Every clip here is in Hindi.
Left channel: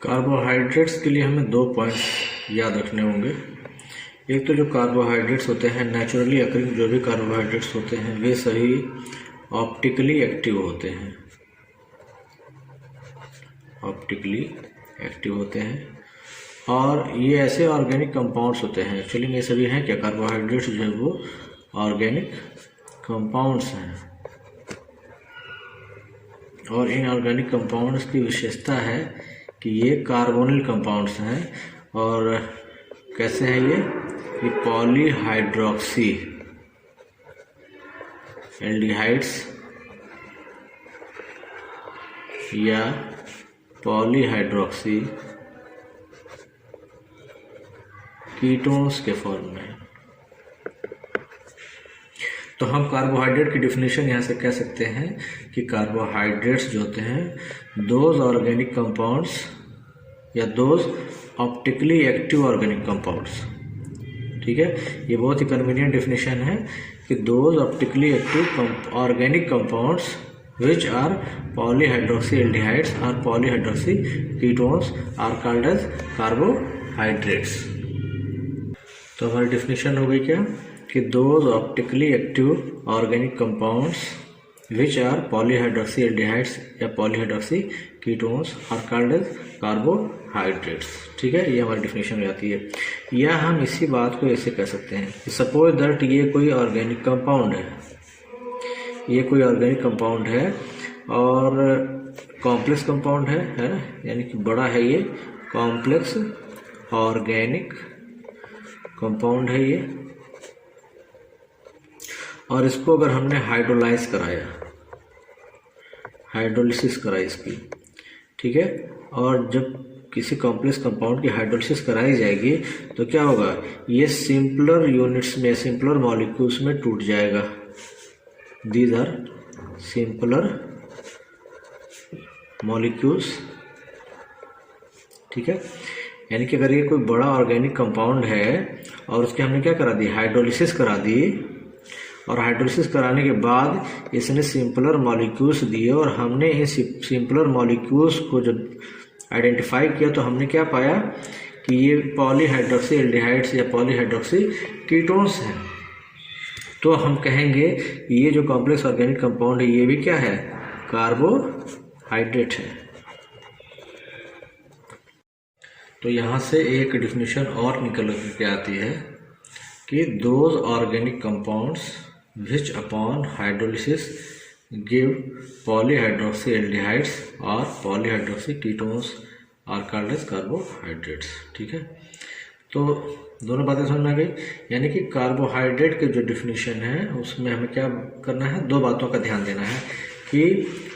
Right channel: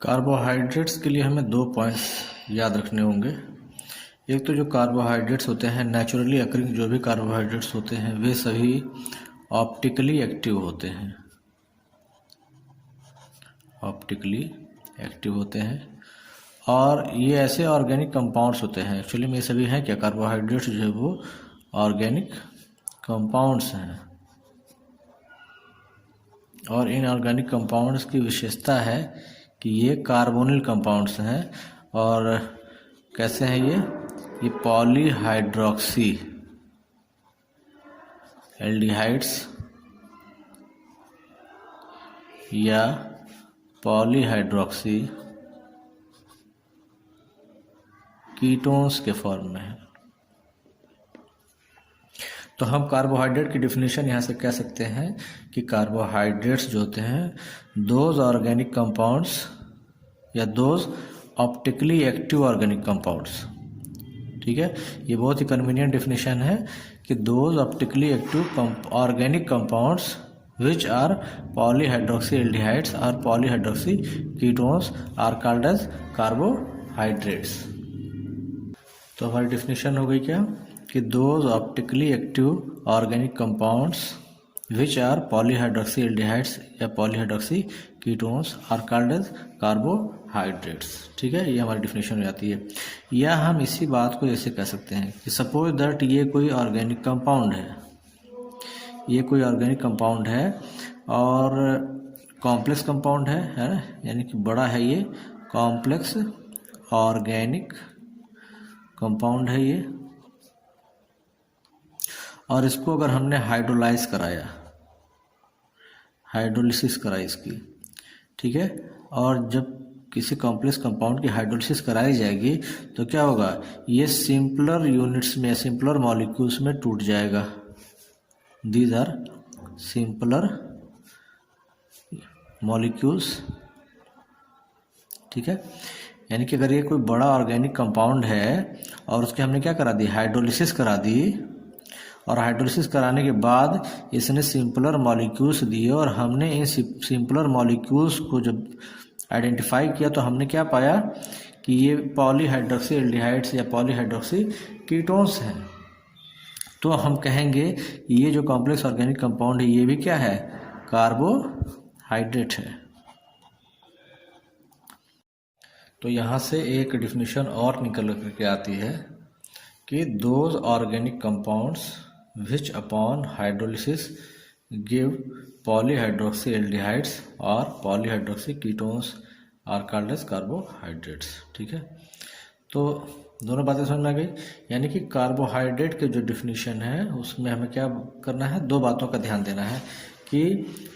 कार्बोहाइड्रेट्स के लिए हमें 2 पॉइंट्स याद रखने होंगे। एक तो जो कार्बोहाइड्रेट्स होते हैं, नेचुरली अकरिंग जो भी कार्बोहाइड्रेट्स होते हैं वे सभी ऑप्टिकली एक्टिव होते हैं, ऑप्टिकली एक्टिव होते हैं। और ये ऐसे ऑर्गेनिक कंपाउंड्स होते हैं, एक्चुअली में ये सभी हैं क्या, कार्बोहाइड्रेट्स जो है वो ऑर्गेनिक कंपाउंड्स हैं। और इन ऑर्गेनिक कंपाउंड्स की विशेषता है कि ये कार्बोनिल कंपाउंड्स हैं। और कैसे हैं ये पॉलीहाइड्रोक्सी एल्डिहाइड्स या पॉलीहाइड्रोक्सी कीटोन्स के फॉर्म में है। तो हम कार्बोहाइड्रेट की डिफिनीशन यहाँ से कह सकते हैं कि कार्बोहाइड्रेट्स जो होते हैं दोज ऑर्गेनिक कंपाउंड्स या those optically active organic compounds. ठीक है, ये बहुत ही कन्वीनियंट डिफिनीशन है कि those optically active organic compounds which are polyhydroxy aldehydes और polyhydroxy ketones are called as carbohydrates. तो हमारी डिफिनीशन हो गई क्या कि those optically active organic compounds which are polyhydroxy aldehydes या polyhydroxy ketones are called as carbohydrates. ठीक है, ये हमारी डिफिनेशन हो जाती है। या हम इसी बात को ऐसे कह सकते हैं कि सपोज दैट ये कोई ऑर्गेनिक कंपाउंड है, ये कोई ऑर्गेनिक कंपाउंड है और कॉम्प्लेक्स कंपाउंड है ना, यानी कि बड़ा है, ये कॉम्प्लेक्स ऑर्गेनिक कंपाउंड है ये। और इसको अगर हमने हाइड्रोलाइज कराया, हाइड्रोलिसिस कराई इसकी, ठीक है, और जब किसी कॉम्प्लेक्स कंपाउंड की हाइड्रोलिसिस कराई जाएगी तो क्या होगा, ये सिंपलर यूनिट्स में, सिंपलर मॉलिक्यूल्स में टूट जाएगा। These are simpler molecules. ठीक है, यानी कि अगर ये कोई बड़ा ऑर्गेनिक कंपाउंड है और उसके हमने क्या करा दी, हाइड्रोलिसिस करा दी, और हाइड्रोलिसिस कराने के बाद इसने सिंपलर मॉलिक्यूल्स दिए और हमने इन सिंपलर मॉलिक्यूल्स को जब आइडेंटिफाई किया तो हमने क्या पाया कि ये पॉलीहाइड्रोक्सी एल्डिहाइड्स या पॉलीहाइड्रोक्सी कीटोन्स हैं। तो हम कहेंगे ये जो कॉम्प्लेक्स ऑर्गेनिक कंपाउंड है ये भी क्या है, कार्बोहाइड्रेट है। तो यहाँ से एक डिफिनीशन और निकल के आती है कि those organic compounds which upon hydrolysis give polyhydroxy aldehydes और polyhydroxy ketones are called as carbohydrates. ठीक है, तो दोनों बातें समझ में आ गई। यानी कि कार्बोहाइड्रेट की जो डिफिनीशन है उसमें हमें क्या करना है, 2 बातों का ध्यान देना है कि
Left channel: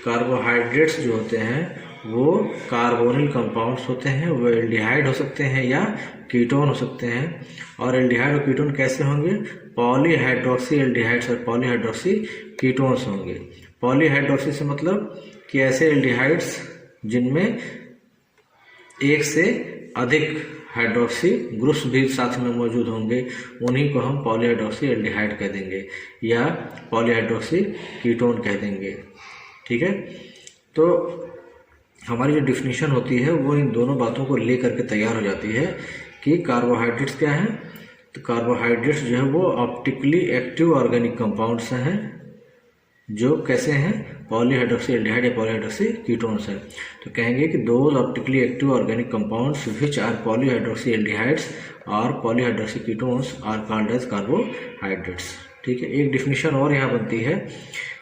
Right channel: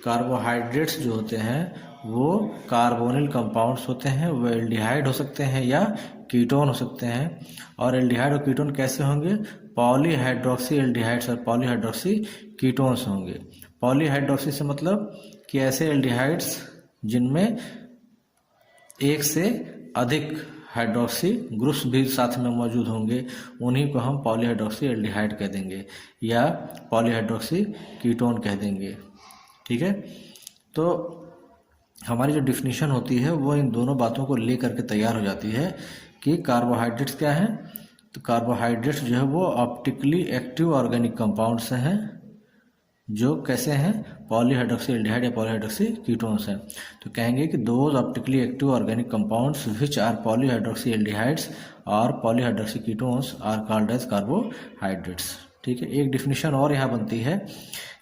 कार्बोहाइड्रेट्स जो होते हैं वो कार्बोनिल कंपाउंड्स होते हैं, वो एल्डिहाइड हो सकते हैं या कीटोन हो सकते हैं। और एल्डिहाइड और कीटोन कैसे होंगे, पॉलीहाइड्रोक्सी एल्डिहाइड्स और पॉलीहाइड्रोक्सी कीटोन्स होंगे। पॉलीहाइड्रोक्सी से मतलब कि ऐसे एल्डिहाइड्स जिनमें एक से अधिक हाइड्रोक्सी ग्रुप्स भी साथ में मौजूद होंगे, उन्हीं को हम पॉलीहाइड्रोक्सी एल्डिहाइड कह देंगे या पॉलीहाइड्रोक्सी कीटोन कह देंगे। ठीक है, तो हमारी जो डिफिनीशन होती है वो इन दोनों बातों को ले करके तैयार हो जाती है कि कार्बोहाइड्रेट्स क्या हैं। तो कार्बोहाइड्रेट्स जो है वो ऑप्टिकली एक्टिव ऑर्गेनिक कंपाउंड्स हैं जो कैसे हैं, पॉलीहाइड्रोक्सी एल्डिहाइड या पॉलीहाइड्रोक्सी कीटोन्स हैं। तो कहेंगे कि those optically active organic compounds which are polyhydroxy aldehydes और polyhydroxy ketones are called as carbohydrates. ठीक है, एक डिफिनीशन और यहाँ बनती है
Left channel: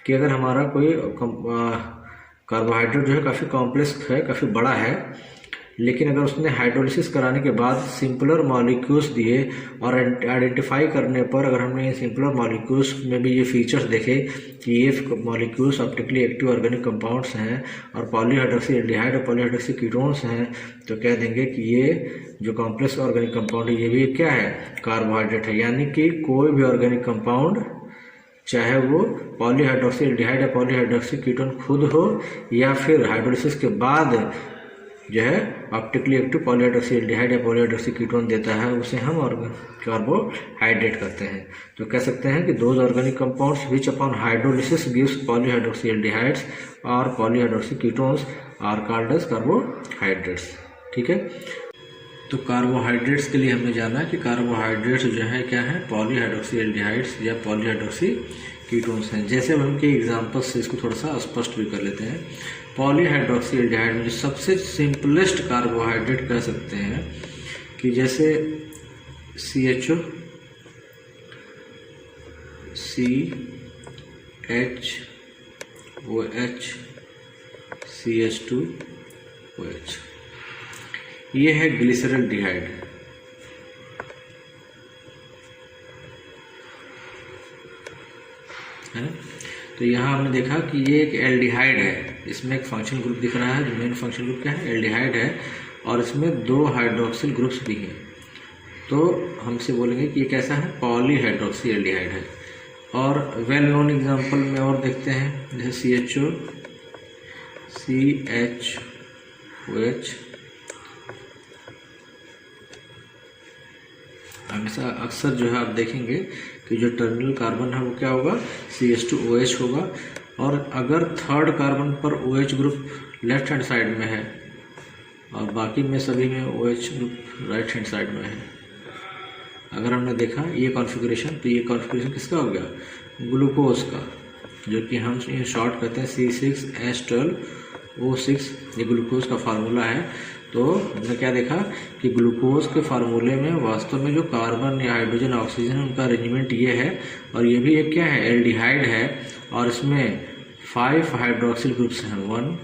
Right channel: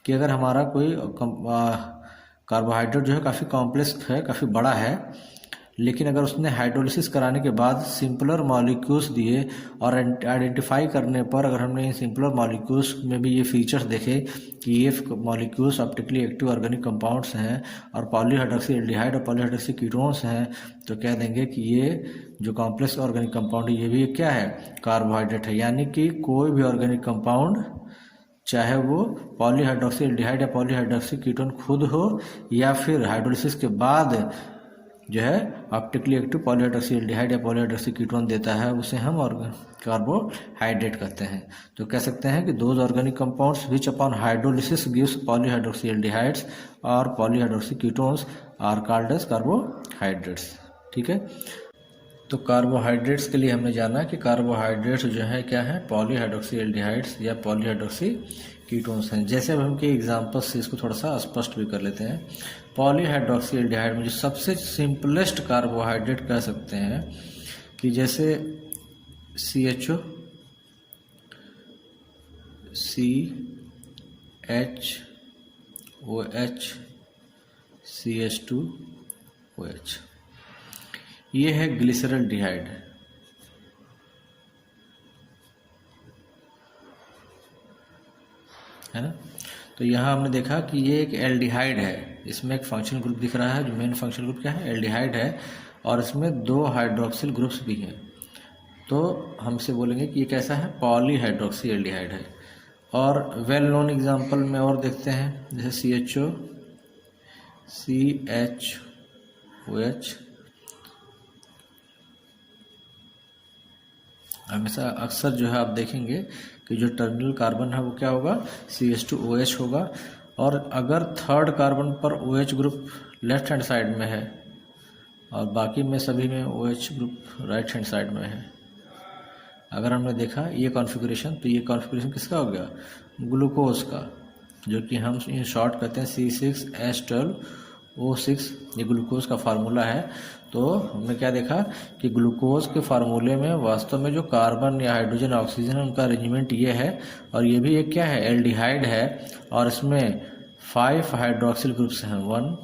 कि अगर हमारा कोई कार्बोहाइड्रेट जो है काफ़ी कॉम्प्लेक्स है, काफ़ी बड़ा है, लेकिन अगर उसने हाइड्रोलिसिस कराने के बाद सिंपलर मॉलिक्यूल्स दिए और आइडेंटिफाई करने पर अगर हमने ये सिंपलर मॉलिक्यूल्स में भी ये फीचर्स देखे कि ये molecules optically active organic compounds हैं और पॉलीहाइड्रोक्सी एल्डिहाइड और पॉलीहाइड्रोक्सी कीटोन्स हैं, तो कह देंगे कि ये जो कॉम्प्लेक्स ऑर्गेनिक कंपाउंड है ये भी क्या है, कार्बोहाइड्रेट है। यानी कि कोई भी ऑर्गेनिक कंपाउंड चाहे वो पॉलीहाइड्रोक्सी एल्डिहाइड या पॉलीहाइड्रोक्सी कीटोन खुद हो या फिर हाइड्रोलिसिस के बाद जो है ऑप्टिकली एक्टिव पॉलीहाइड्रोक्सी एल्डिहाइड या पॉलीहाइड्रोक्सी कीटोन देता है, उसे हम कार्बोहाइड्रेट कहते हैं। तो कह सकते हैं कि those organic compounds which upon hydrolysis gives polyhydroxy aldehydes और polyhydroxy ketones are called as carbohydrates. ठीक है। तो कार्बोहाइड्रेट्स के लिए हमने जाना कि कार्बोहाइड्रेट्स जो है क्या है, पॉलीहाइड्रोक्सी एल्डिहाइड्स या पॉलीहाइड्रोक्सी कीटोन्स हैं। जैसे अब हम के एग्जांपल्स से इसको थोड़ा सा स्पष्ट भी कर लेते हैं। पॉलीहाइड्रोक्सी एल्डिहाइड में जो सबसे सिंपलेस्ट कार्बोहाइड्रेट कह सकते हैं कि जैसे CHO, CHOH, CH2OH, ये है ग्लिसरॉल्डिहाइड, है ना। तो यहाँ हमने देखा कि ये एक एल्डिहाइड है, इसमें एक फंक्शनल ग्रुप दिख रहा है, जो मेन फंक्शनल ग्रुप क्या है, एल्डिहाइड है, और इसमें 2 हाइड्रोक्सिल ग्रुप्स भी हैं। तो हमसे बोलेंगे कि ये कैसा है, पॉलीहाइड्रोक्सी एल्डिहाइड है। और वेल नोन एग्जांपल में और देखते हैं, जैसे CHO, CHOH, हमेशा अक्सर जो है आप देखेंगे कि जो टर्मिनल कार्बन है वो क्या होगा, CH2OH होगा। और अगर थर्ड कार्बन पर OH group left hand side में है और बाकी में सभी में OH group right hand side में है, अगर हमने देखा ये कॉन्फ़िगरेशन, तो ये कॉन्फ़िगरेशन किसका हो गया, ग्लूकोज का, जो कि हम इन शॉर्ट कहते हैं C6H12O6, ये ग्लूकोज का फार्मूला है। तो हमने क्या देखा कि ग्लूकोज के फार्मूले में वास्तव में जो कार्बन या हाइड्रोजन ऑक्सीजन उनका अरेंजमेंट ये है, और ये भी एक क्या है, एल्डिहाइड है, और इसमें 5 हाइड्रोक्सिल ग्रुप्स हैं, 1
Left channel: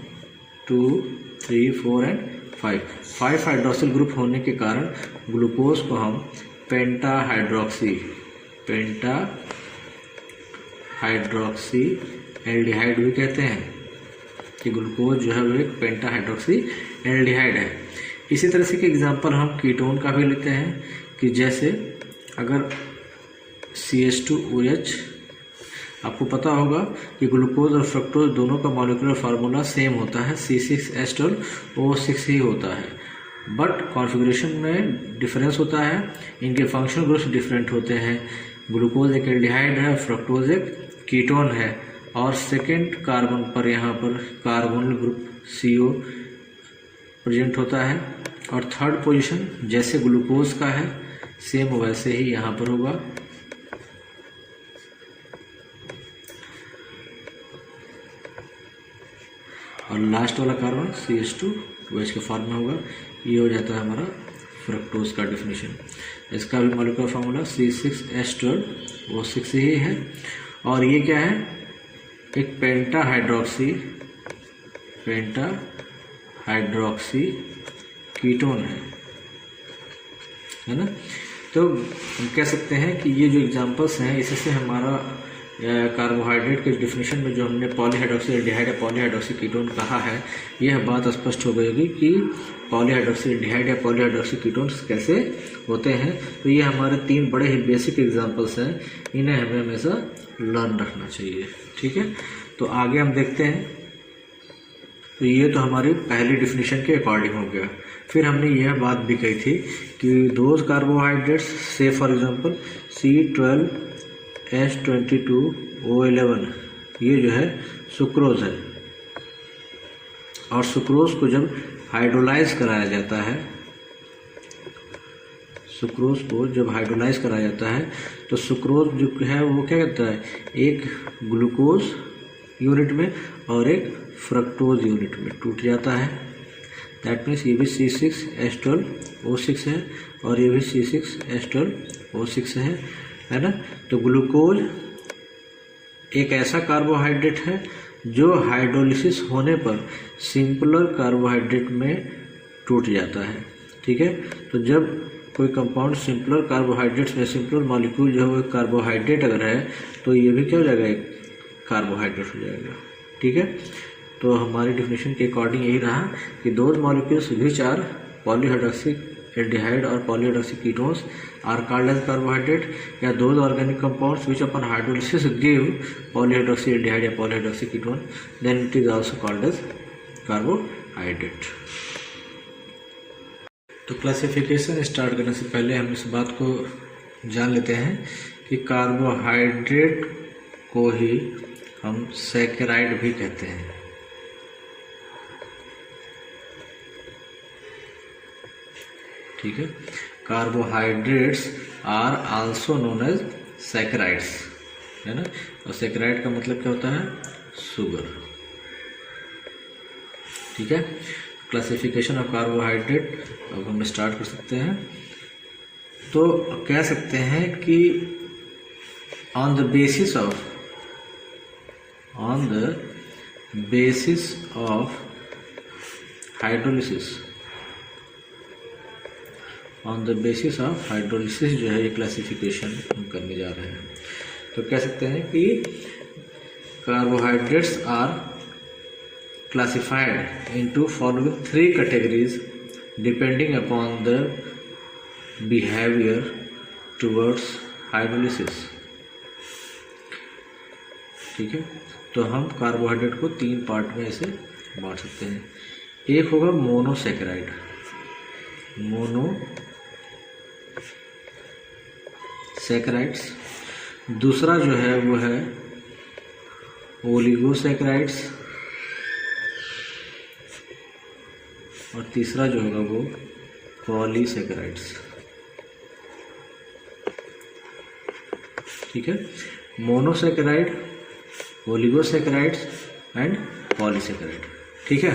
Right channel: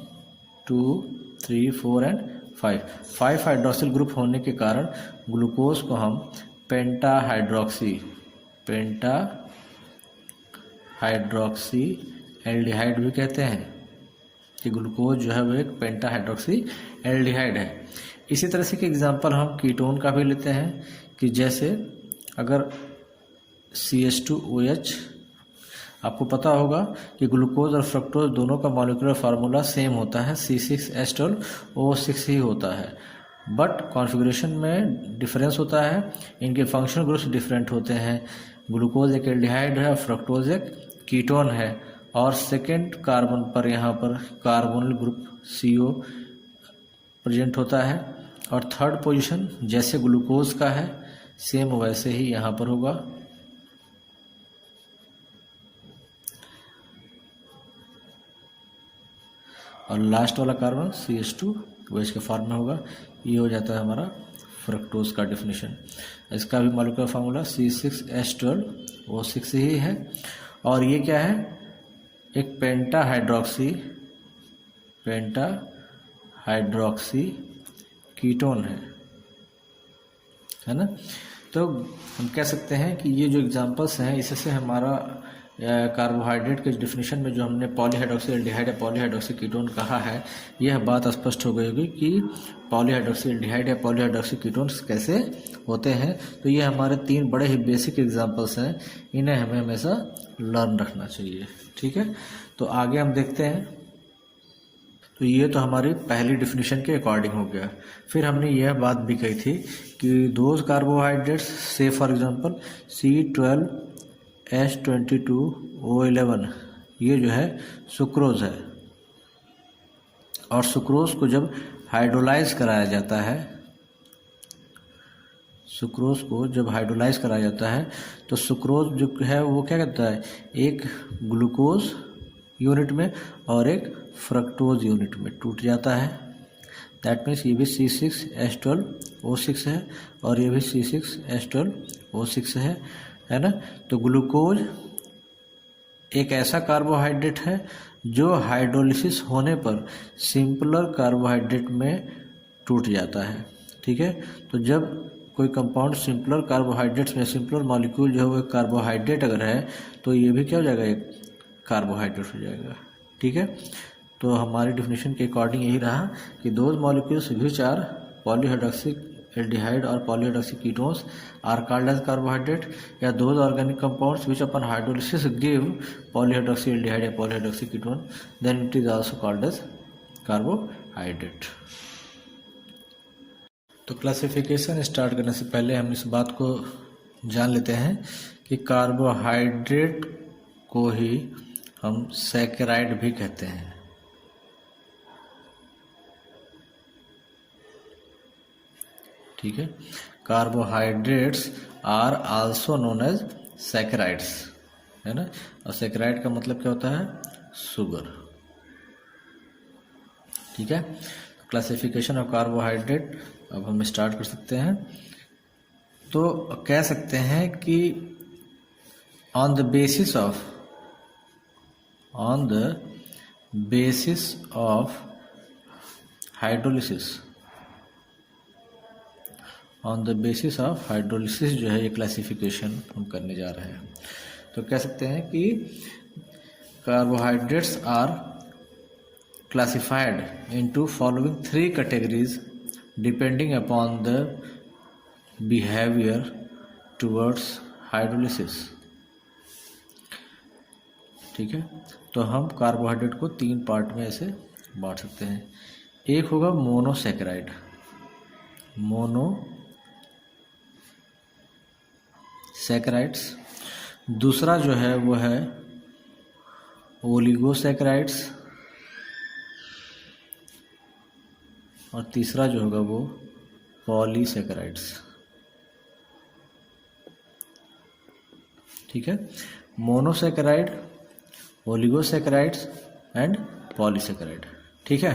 2 3 4 एंड 5 हाइड्रोक्सिल ग्रुप होने के कारण ग्लूकोज को हम पेंटा हाइड्रोक्सी एल्डिहाइड भी कहते हैं, कि ग्लूकोज जो है वो एक पेंटा हाइड्रोक्सी एल्डिहाइड है। इसी तरह से एक एग्जांपल हम कीटोन का भी लेते हैं, कि जैसे अगर CH2OH, आपको पता होगा कि ग्लूकोज और फ्रक्टोज दोनों का मॉलिक्यूलर फार्मूला सेम होता है, C6H12O6 ही होता है, बट कॉन्फ़िगरेशन में डिफरेंस होता है, इनके फंक्शनल ग्रुप्स डिफरेंट होते हैं। ग्लूकोज एक एल्डिहाइड है, फ्रक्टोज एक कीटोन है, और सेकेंड कार्बन पर यहाँ पर कार्बोनिल ग्रुप CO प्रेजेंट होता है, और थर्ड पोजीशन जैसे ग्लूकोज का है सेम वैसे ही यहाँ पर होगा। और लास्ट वाला कार्बन CH2OH के फॉर्म में होगा। ये हो जाता है हमारा फ्रक्टोज का डेफिनेशन। इसका भी मॉलिक्यूलर फार्मूला C6H12O6 ही है, और ये क्या है, एक पेंटा हाइड्रोक्सी कीटोन है ना। तो हम कह सकते हैं कि ये जो एग्जांपल्स हैं, इससे हमारा कार्बोहाइड्रेट के डेफिनेशन में जो हमने पॉलीहाइड्रोक्सी एल्डिहाइड या पॉलीहाइड्रोक्सी कीटोन कहा है, यह बात स्पष्ट हो गई होगी कि पॉलीहाइड्रोक्सी एल्डिहाइड या पॉलीहाइड्रोक्सी कीटोन्स कैसे होते हैं। तो ये हमारे 3 बड़े ही बेसिक एग्जांपल्स हैं, इन्हें हमें हमेशा लर्न रखना चाहिए, ठीक है। तो आगे हम देखते हैं। तो ये तो हमारी पहली डेफिनेशन के अकॉर्डिंग हो गया। फिर हमने यह बात भी कही थी कि दोज कार्बोहाइड्रेट्स, से फॉर एग्जांपल C12H22O11, ये जो है सुक्रोज है, और सुक्रोज को जब हाइड्रोलाइज कराया जाता है, सुक्रोज को जब हाइड्रोलाइज कराया जाता है तो सुक्रोज जो है वो क्या करता है, एक ग्लूकोज यूनिट में और एक फ्रक्टोज यूनिट में टूट जाता है। दैट मीन्स ये भी C6H12O6 है और ये भी C6H12O6 है ना। तो ग्लूकोज एक ऐसा कार्बोहाइड्रेट है जो हाइड्रोलिसिस होने पर सिंपलर कार्बोहाइड्रेट में टूट जाता है, ठीक है। तो जब कोई कंपाउंड सिंपलर कार्बोहाइड्रेट्स में, सिंपलर मॉलिक्यूल जो है वो कार्बोहाइड्रेट अगर है तो ये भी क्या हो जाएगा, एक कार्बोहाइड्रेट हो जाएगा, ठीक है। तो हमारी डेफिनेशन के अकॉर्डिंग यही रहा कि those molecules which are polyhydroxy aldehyde और polyhydroxy ketones are called as carbohydrate, या those organic compounds which upon hydrolysis give polyhydroxy aldehyde या polyhydroxy ketone, then it is also called as carbohydrate. तो क्लासिफिकेशन स्टार्ट करने से पहले हम इस बात को जान लेते हैं कि कार्बोहाइड्रेट को ही हम सैकेराइड भी कहते हैं। ठीक है। Carbohydrates are also known as saccharides, है ना। और सैकराइड का मतलब क्या होता है? शुगर, ठीक है। क्लासिफिकेशन ऑफ कार्बोहाइड्रेट अब हम स्टार्ट कर सकते हैं। तो कह सकते हैं कि on the basis of hydrolysis, जो है ये क्लासिफिकेशन हम करने जा रहे हैं। तो कह सकते हैं कि carbohydrates are classified into following 3 categories depending upon the behavior towards hydrolysis, ठीक है। तो हम कार्बोहाइड्रेट को 3 पार्ट में ऐसे बांट सकते हैं। एक होगा मोनोसैकेराइड, मोनोसैकेराइड्स। दूसरा जो है वो है ओलिगोसैकेराइड्स, और तीसरा जो होगा वो पॉलीसैकेराइड्स, ठीक है। मोनोसैकेराइड, ओलिगोसैकेराइड्स एंड पॉलीसैकेराइड, ठीक है।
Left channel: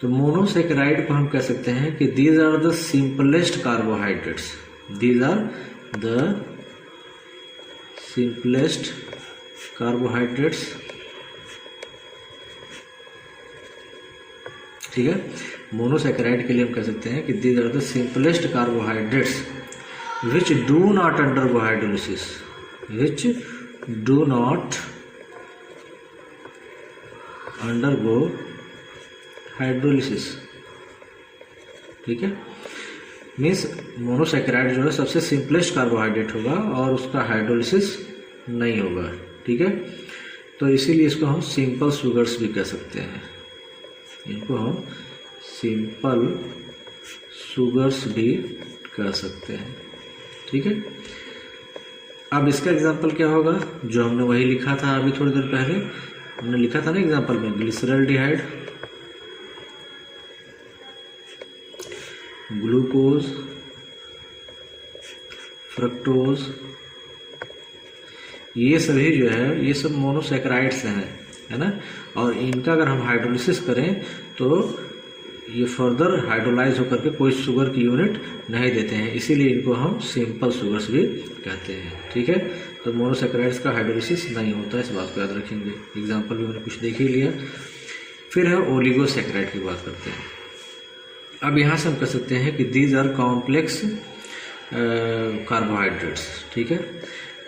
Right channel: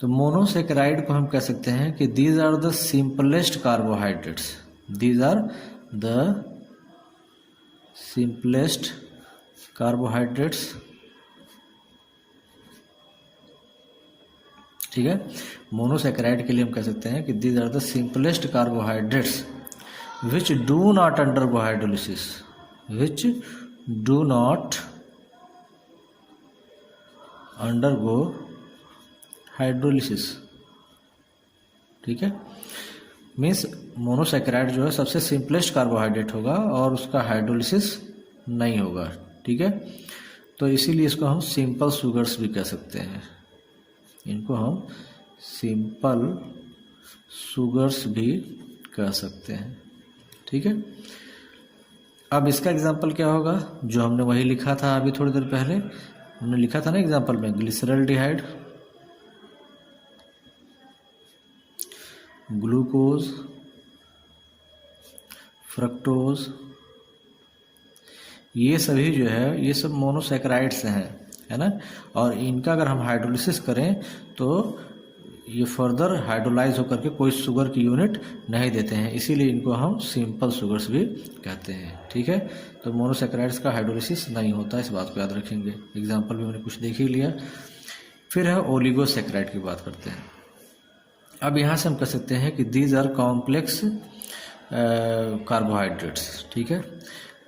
तो मोनोसैकेराइड को हम कह सकते हैं कि these are the simplest carbohydrates, these are the simplest carbohydrates, ठीक है। मोनोसैकेराइड के लिए हम कह सकते हैं कि these are the simplest carbohydrates which do not undergo hydrolysis, which do not undergo hydrolysis, ठीक है। मीन्स मोनोसैकेराइड जो है सबसे सिंपलेस्ट कार्बोहाइड्रेट होगा और उसका हाइड्रोलिसिस नहीं होगा, ठीक है। तो इसीलिए इसको हम सिंपल शुगर्स भी कह सकते हैं, इनको हम सिंपल शुगर्स भी कह सकते हैं, ठीक है। अब इसका एग्जांपल क्या होगा? जो हमने वही लिखा था अभी थोड़ी देर पहले, हमने लिखा था ना एग्जांपल में, ग्लिसरॉल्डिहाइड, ग्लूकोज, फ्रक्टोज, ये सभी जो है ये सब मोनोसैकेराइड्स हैं, है ना। और इनका अगर हम हाइड्रोलिसिस करें तो ये फर्दर हाइड्रोलाइज होकर के कोई शुगर की यूनिट नहीं देते हैं, इसीलिए इनको हम सिंपल शुगर्स भी कहते हैं, ठीक है। तो मोनोसैकेराइड्स का हाइड्रोलिसिस नहीं होता है, इस बात को याद रखेंगे। एग्जांपल भी मैंने कुछ देख ही लिया। फिर है ओलिगोसैकेराइड की बात करते हैं। अब यहाँ से हम कह सकते हैं कि दीज आर कॉम्प्लेक्स कार्बोहाइड्रेट्स, ठीक है।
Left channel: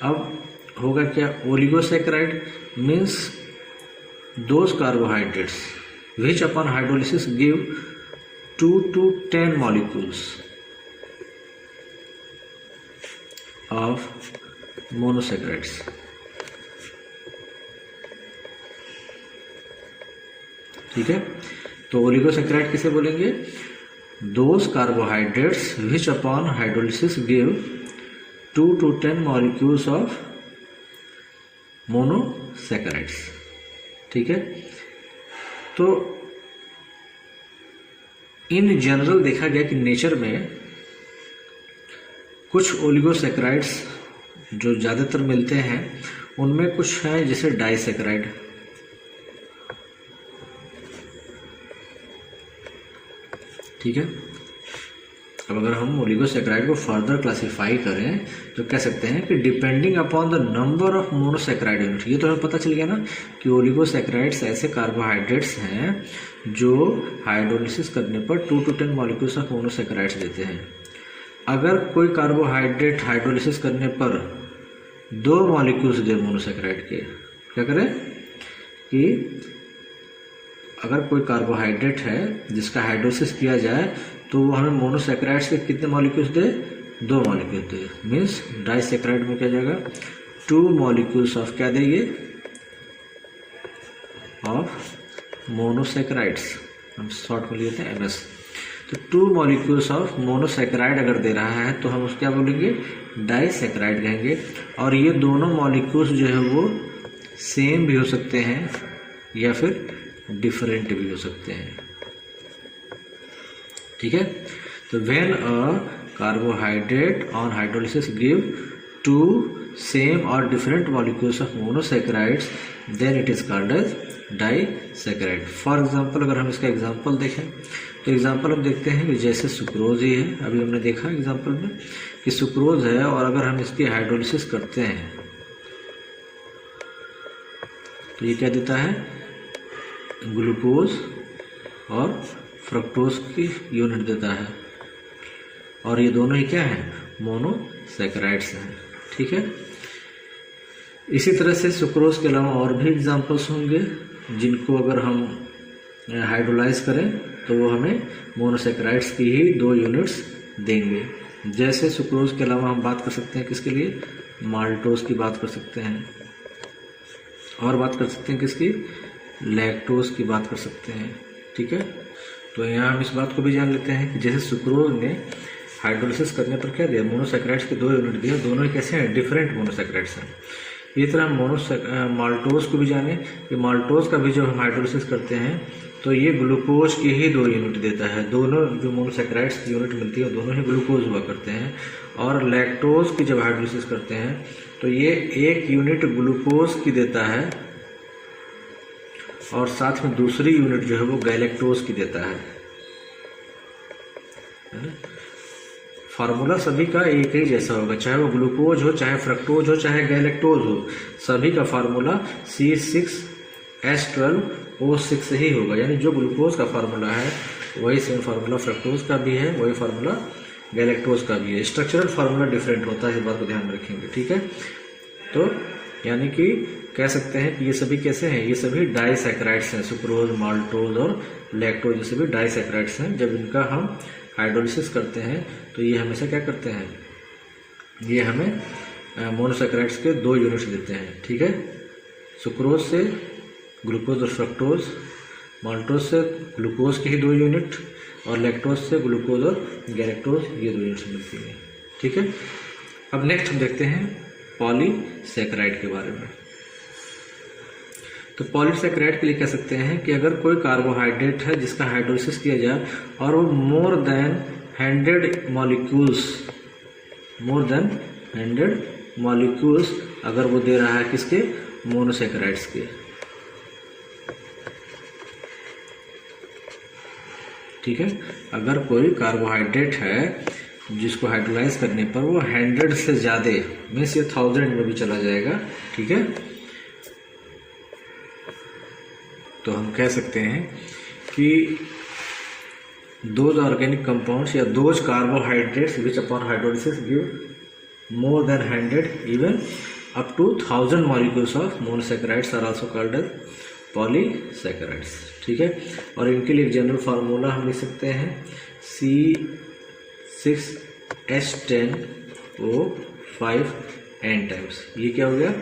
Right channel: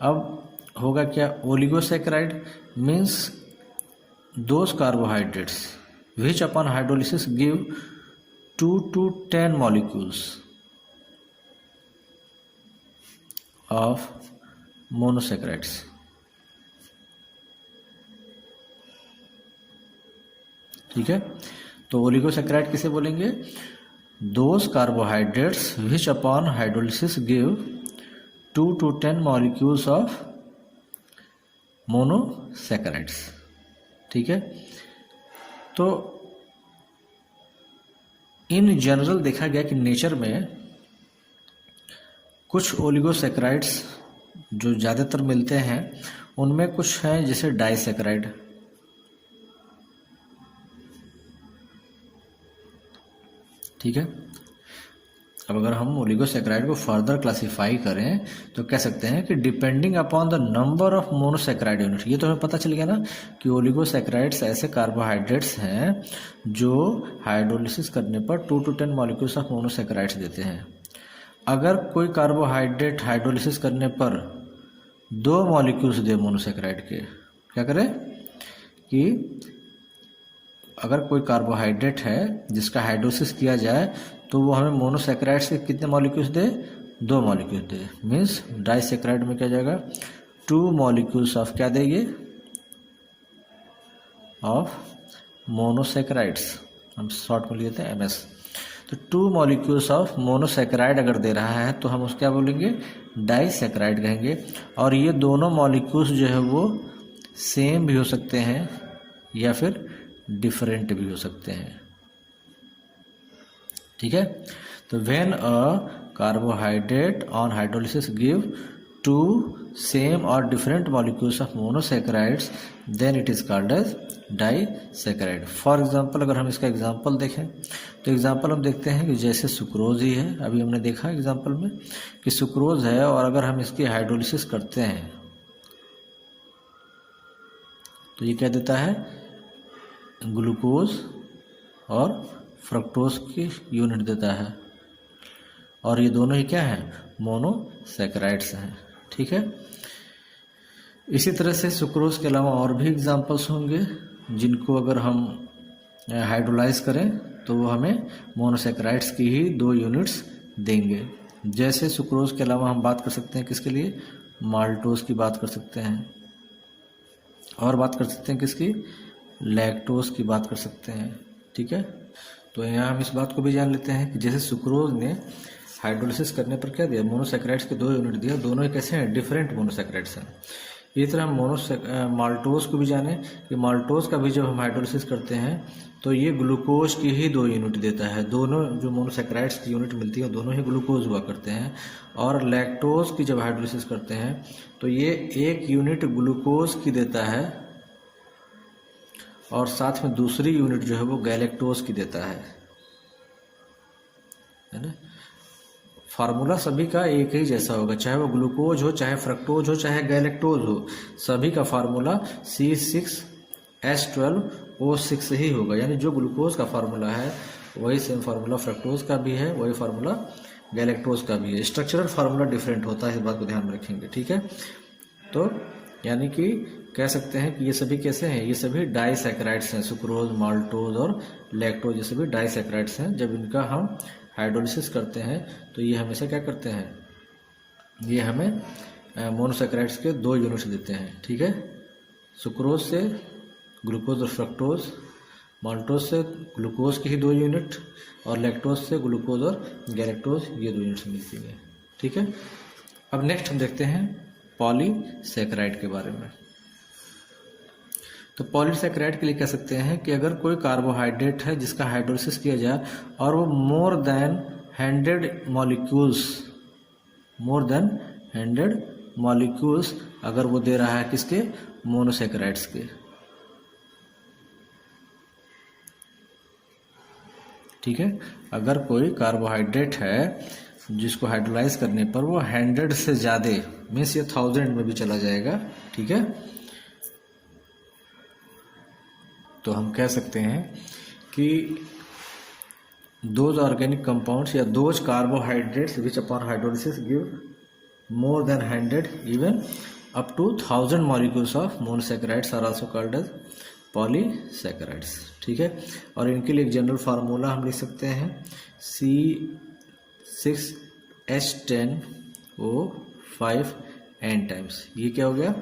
अब होगा क्या? Oligosaccharide means those carbohydrates which upon hydrolysis give 2 to 10 molecules of monosaccharides, ठीक है। तो ओलिगोसैकेराइड किसे बोलेंगे? those carbohydrates which upon hydrolysis give 2 to 10 molecules of monosaccharides, ठीक है। तो इन जनरल देखा गया कि नेचर में कुछ ओलिगोसैकेराइड्स जो ज़्यादातर मिलते हैं उनमें कुछ है जैसे डाइसैकेराइड, ठीक है। अब अगर हम ओलिगोसैकेराइड को फर्दर क्लासिफाई करें तो कह सकते हैं कि depending upon the number of monosaccharide unit, ये तो हमें पता चल गया ना कि ओलिगोसैकेराइड्स ऐसे कार्बोहाइड्रेट्स हैं जो हाइड्रोलिसिस करने पर 2 to 10 मॉलिक्यूल्स ऑफ मोनोसैकेराइड्स देते हैं। अगर कोई कार्बोहाइड्रेट हाइड्रोलिसिस करने पर 2 मॉलिक्यूल्स दे मोनोसैकेराइड के, क्या करें कि अगर कोई कार्बोहाइड्रेट है जिसका हाइड्रोलिसिस किया जाए तो वो हमें मोनोसैकेराइड्स के कितने मॉलिक्यूल्स दे? 2 मॉलिक्यूल दे। मीन्स डाइसैकेराइड में क्या जाएगा? 2 मॉलिक्यूल्स ऑफ क्या देंगे? ऑफ मोनोसैकेराइड्स, हम शॉर्ट में लेते हैं MS। तो 2 मॉलिक्यूल्स ऑफ मोनोसैकेराइड अगर दे रहा है तो हम उसको क्या बोलेंगे? डाइसैकेराइड कहेंगे। और ये दोनों मॉलिक्यूल्स जो है वो सेम भी हो सकते हैं या फिर डिफरेंट भी हो सकते हैं, ठीक है। तो when a carbohydrate on hydrolysis give two same और different molecules of monosaccharides then it is called as disaccharide. For example अगर हम इसका एग्जांपल देखें तो एग्जांपल हम देखते हैं कि जैसे सुक्रोज ही है, अभी हमने देखा एग्जांपल में कि सुक्रोज है और अगर हम इसकी हाइड्रोलिसिस करते हैं तो ये क्या देता है, ग्लूकोज और फ्रक्टोज की यूनिट देता है, और ये दोनों ही क्या हैं, मोनोसैकेराइड्स हैं। ठीक है, इसी तरह से सुक्रोज के अलावा और भी एग्जांपल्स होंगे जिनको अगर हम हाइड्रोलाइज करें तो वो हमें मोनोसैकेराइड्स की ही 2 यूनिट्स देंगे। जैसे सुक्रोज के अलावा हम बात कर सकते हैं किसके लिए, माल्टोज की बात कर सकते हैं, और बात कर सकते हैं किसकी, लैक्टोज की बात कर सकते हैं। ठीक है, तो यहाँ हम इस बात को भी जान लेते हैं कि जैसे सुक्रोज ने हाइड्रोलिसिस करने पर क्या दिया, मोनोसैकेराइड्स के 2 यूनिट दिया, दोनों ही कैसे हैं, डिफरेंट मोनोसैकेराइड्स हैं। इसी तरह हम माल्टोज को भी जाने कि माल्टोज का भी जब हम हाइड्रोलिसिस करते हैं तो ये ग्लूकोज की ही 2 यूनिट देता है, दोनों जो मोनोसैकेराइड्स की यूनिट मिलती है दोनों ही ग्लूकोज हुआ करते हैं। और लैक्टोज की जब हाइड्रोलिसिस करते हैं तो ये 1 यूनिट ग्लूकोज की देता है और साथ में दूसरी यूनिट जो है वो गैलेक्टोज की देता है ना। फार्मूला सभी का एक ही जैसा होगा, चाहे वो ग्लूकोज हो, चाहे फ्रक्टोज हो, चाहे गैलेक्टोज हो, सभी का फार्मूला C6H12O6 ही होगा। यानी जो ग्लूकोज का फार्मूला है वही सेम फार्मूला फ्रक्टोज का भी है, वही फार्मूला गैलेक्टोज का भी है। स्ट्रक्चरल फार्मूला डिफरेंट होता है, इस बात को ध्यान में रखेंगे। ठीक है, तो यानी कि कह सकते हैं कि ये सभी कैसे हैं, ये सभी डाइसैकेराइड्स हैं। सुक्रोज, माल्टोज और लैक्टोज ये सभी डाइसैकेराइड्स हैं। जब इनका हम हाइड्रोलिसिस करते हैं तो ये हमेशा क्या करते हैं, ये हमें मोनोसैकेराइड्स के 2 यूनिट्स देते हैं। ठीक है, सुक्रोज से ग्लूकोज और फ्रक्टोज, माल्टोज से ग्लूकोज की ही 2 यूनिट, और लैक्टोज से ग्लूकोज और गैलेक्टोज ये 2 यूनिट्स मिलती हैं। ठीक है, अब नेक्स्ट हम देखते हैं पॉलीसैकेराइड के बारे में। तो पॉलीसैकेराइड के लिए कह सकते हैं कि अगर कोई कार्बोहाइड्रेट है जिसका हाइड्रोलिसिस किया जाए और वो मोर देन 100 मॉलिक्यूल्स अगर वो दे रहा है किसके, मोनोसैकेराइड्स के। ठीक है, अगर कोई कार्बोहाइड्रेट है जिसको हाइड्रोलाइज करने पर वो 100 से ज़्यादा मीन्स ये 1000 में भी चला जाएगा। ठीक है, तो हम कह सकते हैं कि दोज ऑर्गेनिक कंपाउंड्स या those carbohydrates which upon hydrolysis give more than 100 even up to 1000 molecules of monosaccharides are also called as polysaccharides. ठीक है, और इनके लिए एक जनरल फार्मूला हम लिख सकते हैं C6H10O5 टाइम्स। ये क्या हो गया,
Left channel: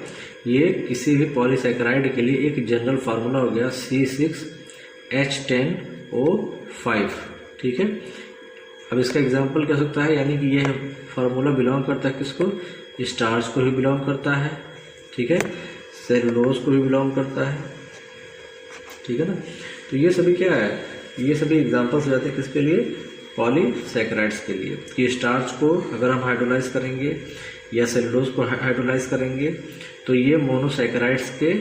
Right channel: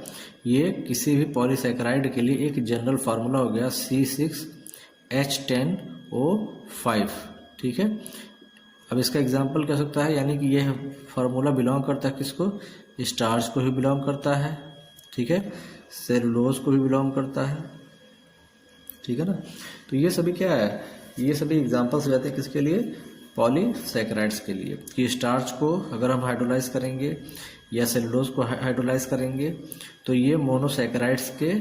ये किसी भी पॉलीसैकेराइड के लिए एक जनरल फार्मूला हो गया C6H10O5। ठीक है, अब इसका एग्जांपल क्या सकता है, यानी कि ये फार्मूला बिलोंग करता है किसको, स्टार्च को भी बिलोंग करता है। ठीक है, सेलुलोज को भी बिलोंग करता है। ठीक है ना, तो ये सभी क्या है, ये सभी एग्जांपल्स हो जाते हैं किसके लिए, पॉलीसैकेराइड्स के लिए। कि स्टार्च को अगर हम हाइड्रोलाइज करेंगे या सेलुलोज को हाइड्रोलाइज करेंगे तो ये मोनोसैकेराइड्स के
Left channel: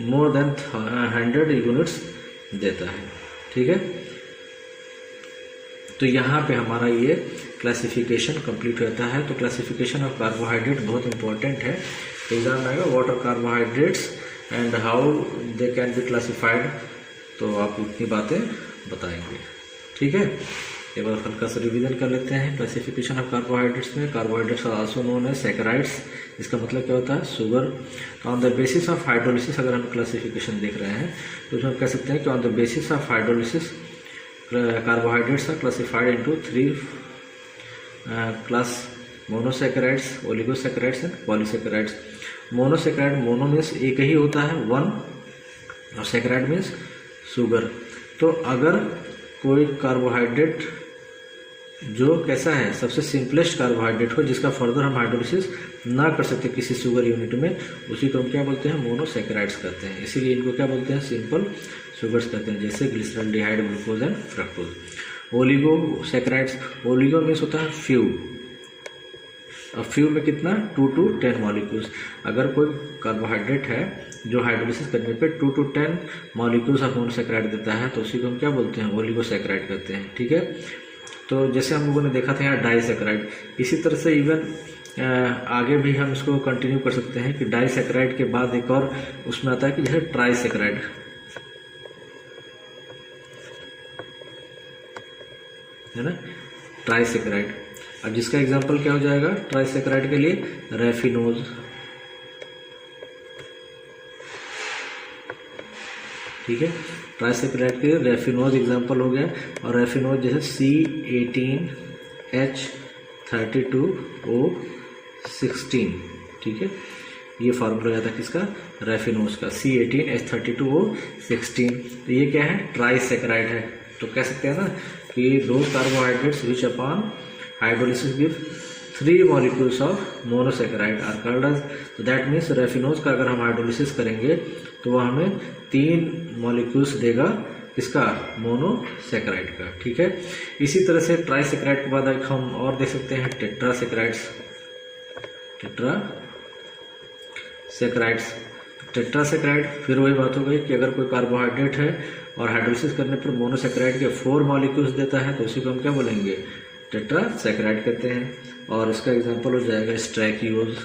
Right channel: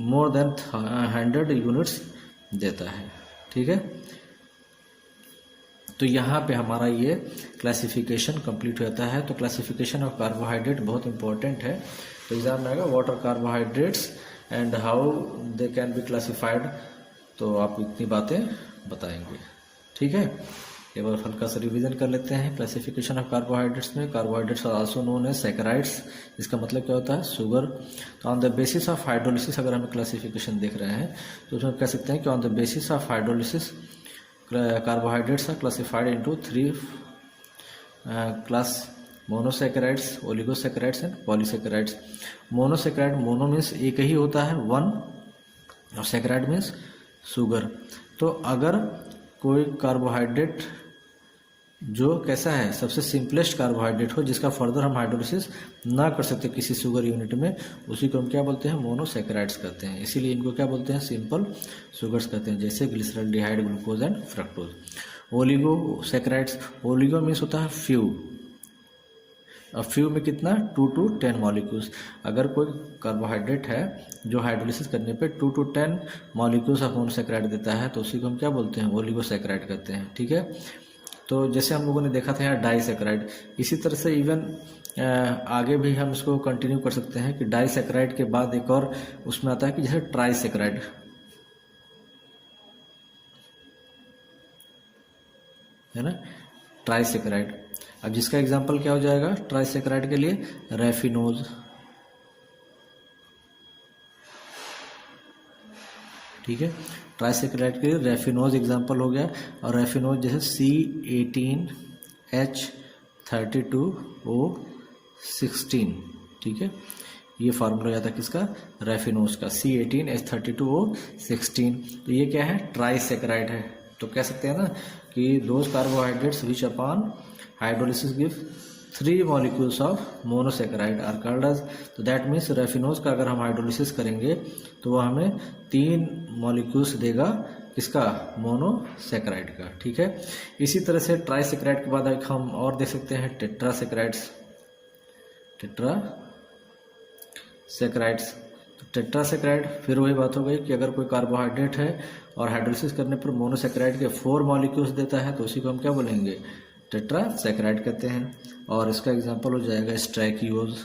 मोर देन 100 यूनिट्स देता है। ठीक है, तो यहाँ पे हमारा ये क्लासिफिकेशन कंप्लीट होता है। तो क्लासिफिकेशन ऑफ कार्बोहाइड्रेट बहुत इंपॉर्टेंट है, एग्जाम में आएगा what are carbohydrates and how they can be classified, तो आप इतनी बातें बताएंगे। ठीक है, एक बार हल्का सा रिवीजन कर लेते हैं क्लासिफिकेशन ऑफ कार्बोहाइड्रेट्स में। Carbohydrates are also known as saccharides, इसका मतलब क्या होता है, sugar. On the basis of hydrolysis अगर हम क्लासिफिकेशन देख रहे हैं तो उसमें कह सकते हैं कि on the basis of hydrolysis carbohydrates are classified into 3 class, monosaccharides, oligosaccharides and polysaccharides. Monosaccharide, mono means एक ही होता है 1, और सैकेराइड मीन्स शुगर। तो अगर कोई कार्बोहाइड्रेट जो कैसा है, सबसे सिंपलेस्ट कार्बोहाइड्रेट हो जिसका फर्दर हम हाइड्रोलिसिस ना कर सकते किसी शुगर यूनिट में, उसी को हम क्या बोलते हैं, मोनोसैकेराइड्स कहते हैं। इसीलिए इनको क्या बोलते हैं, सिंपल शुगर्स कहते हैं, जैसे glyceraldehyde, glucose and fructose. Oligosaccharides, oligo means होता है फ्यू, अब फ्यू में कितना 2 to 10 मॉलिक्यूल्स। अगर कोई कार्बोहाइड्रेट है जो हाइड्रोलिसिस करने पे 2 to 10 मॉलिक्यूल्स ऑफ मोनोसैकेराइड देता है तो उसी को हम क्या बोलते हैं, ओलिगोसैकेराइड कहते हैं। ठीक है, तो जैसे हम लोगों ने देखा था यहाँ डाइसैकेराइड, इसी तरह से इवन आगे भी हम इसको कंटिन्यू कर सकते हैं कि डाइसैकेराइड के बाद एक और उसमें आता है कि जैसे ट्राइसैकेराइड, है ना, ट्राइसैकेराइड। अब जिसका एग्जांपल क्या हो जाएगा ट्राइसैकेराइड के लिए, रेफिनोज, ठीक है, ट्राइसैकेराइड के लिए रेफिनोज एग्जांपल हो गया। और रेफिनोज जैसे C18H32O16, ठीक है, ये फार्मूला गया था किसका, रेफिनोज का, C18H32O16। तो ये क्या है, ट्राइसैकेराइड है। तो कह सकते हैं ना कि दो carbohydrates which upon hydrolysis give 3 molecules of monosaccharide are called as. तो दैट मीन्स रेफिनोज का अगर हम हाइड्रोलिसिस करेंगे तो वो हमें 3 मॉलिक्यूल्स देगा, किसका, मोनोसैकेराइड का। ठीक है, इसी तरह से ट्राइसैकेराइड के बाद हम और देख सकते हैं टेट्रासैकेराइड्स, टेट्रासैकेराइड्स। टेट्रासैकेराइड फिर वही बात हो गई कि अगर कोई कार्बोहाइड्रेट है और हाइड्रोलिसिस करने पर मोनोसैकेराइड के 4 मॉलिक्यूल्स देता है तो उसी को हम क्या बोलेंगे, टेट्रासैकेराइड कहते हैं। और इसका एग्जांपल हो जाएगा स्ट्रैकियोज,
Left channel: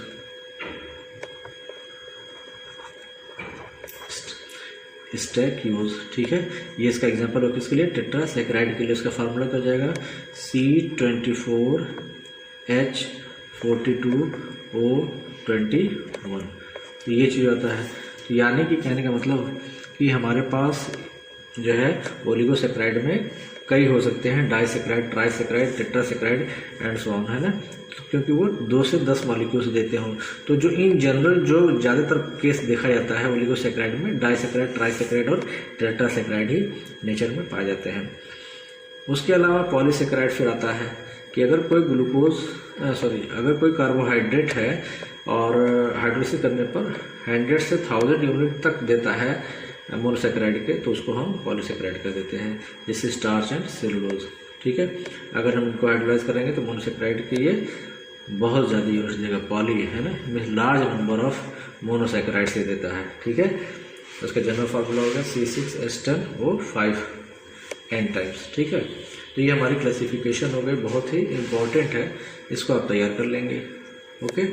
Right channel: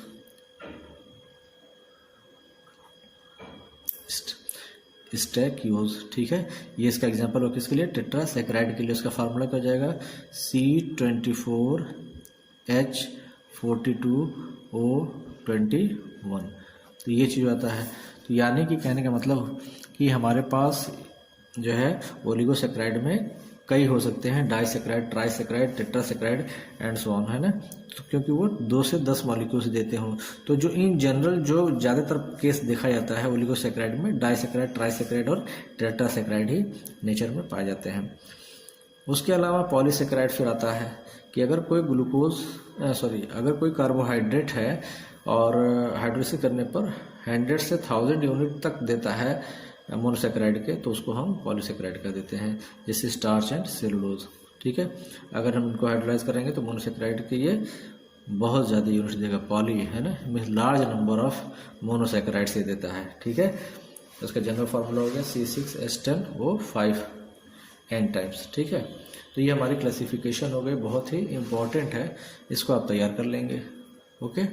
स्ट्रैकियोज, ठीक है, ये इसका एग्जांपल हो किसके लिए, टेट्रासैकेराइड के लिए। इसका फार्मूला क्या हो जाएगा, C24H42O21। तो ये चीज़ आता है। तो यानी कि कहने का मतलब कि हमारे पास जो है ओलिगोसैकेराइड में कई हो सकते हैं, डाइसैकेराइड, ट्राइसैकेराइड, टेट्रासैकेराइड एंड सो ऑन, है ना, तो क्योंकि वो 2 से 10 मॉलिक्यूल्स देते हों। तो जो इन जनरल जो ज़्यादातर केस देखा जाता है ओलिगोसैकेराइड में, डाइसैकेराइड, ट्राइसैकेराइड और टेट्रासैकेराइड ही नेचर में पाए जाते हैं। उसके अलावा पॉलीसैकेराइड फिर आता है कि अगर कोई अगर कोई कार्बोहाइड्रेट है और हाइड्रोलिसिस करने पर 100 से 1000 यूनिट तक देता है मोनोसैकेराइड के, तो उसको हम पॉलीसैकेराइड कर देते हैं, जैसे स्टार्च एंड सेलुलोज। ठीक है, अगर हम इनको हाइड्रोलाइज करेंगे तो मोनोसैकेराइड के लिए बहुत ज़्यादा यूनिट्स देगा, पॉली है ना, means large number of monosaccharide से देता है। ठीक है, तो उसका जनरल फार्मूला होगा C6H10O5 टाइम्स। ठीक है, तो ये हमारी क्लासिफिकेशन हो गई, बहुत ही इम्पॉर्टेंट है, इसको आप तैयार कर लेंगे। ओके।